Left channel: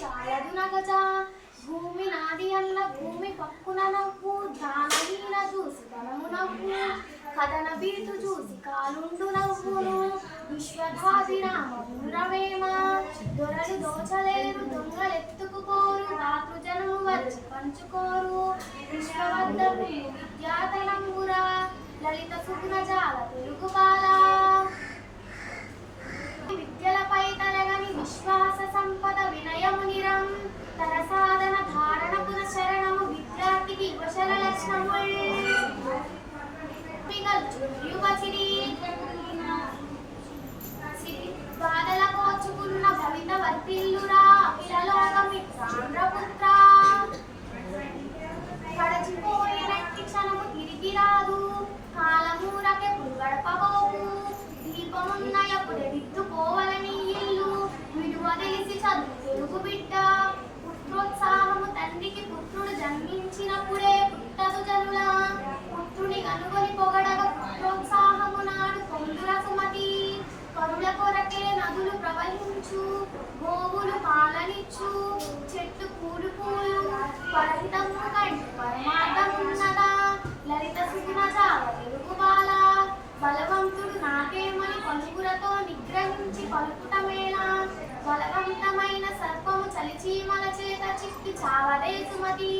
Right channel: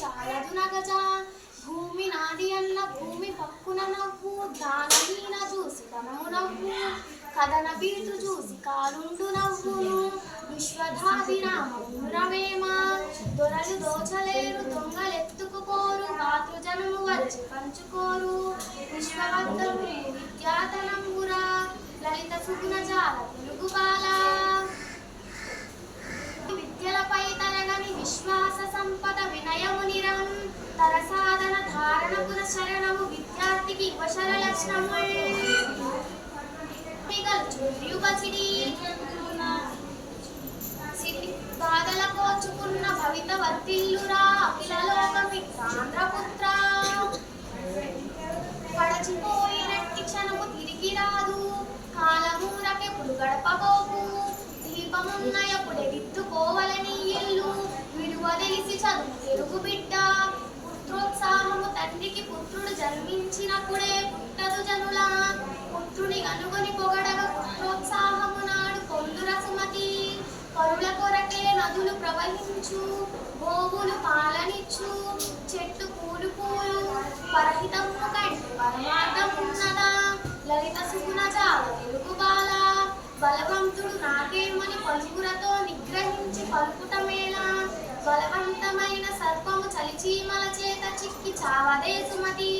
చాలదు నగజ భూమి నాది అన్న భూమి పక్కున నవ్వు దానహీన చూసి ధనము నవ్వు కథన బీటు చూసి కాలుండు నవ్వును విశ్వధాభిరామమును రవేమ దొరలు దోచలేరు దొంగలెత్తుకుపోరు మాతృజనము వచ్చి పంచుకోరు విశ్వవర్ధను విద్యాతనంగురా లలిత సుగుణ జాల తెలుగు బాల విద్యలపై తరగని విశ్వాస సంపద వినయము నిరం తర సాధన ధారణ పున శరణము విద్యార్థికి వశల లక్షణముల్ బాధల కోచుకున్న భవిత వర్తిల్లురా అఖిలలోకమిత్రాంధ్రపుత్ర పడచిపోయినట్టి క్షణము తిరిగి రాదు కాలమూలకెప్పుడు గడపబోకు దీపమున్నయప్పుడే దిద్దుకోవలని ఇల్లు విలువ తెలిసి చదువు తెలుగు బిడ్డ పుత్రోత్సాహము తండ్రికి పుత్రుడు జన్మించినప్పుడే పుట్టదు జనుల పుత్రుని కనుగొని పొగడగ పుత్రోత్సాహము నాడు పొందుర సుమతి కరుల కొరకే నదులు ప్రవహించు గోవులు పాలనిచ్చు చెట్లు పూలు పూలు పరహితము కంటి పరమార్థమున్నదా లలిత సుగుణ జాల తెలుగు బాల బలవంతుడు నాకేమని పలుకులతో నిగ్రహించి పలుకుటమేలా బలవంతమైన సర్పము చలిచీమల చేత చిక్కి చావదే సుమతి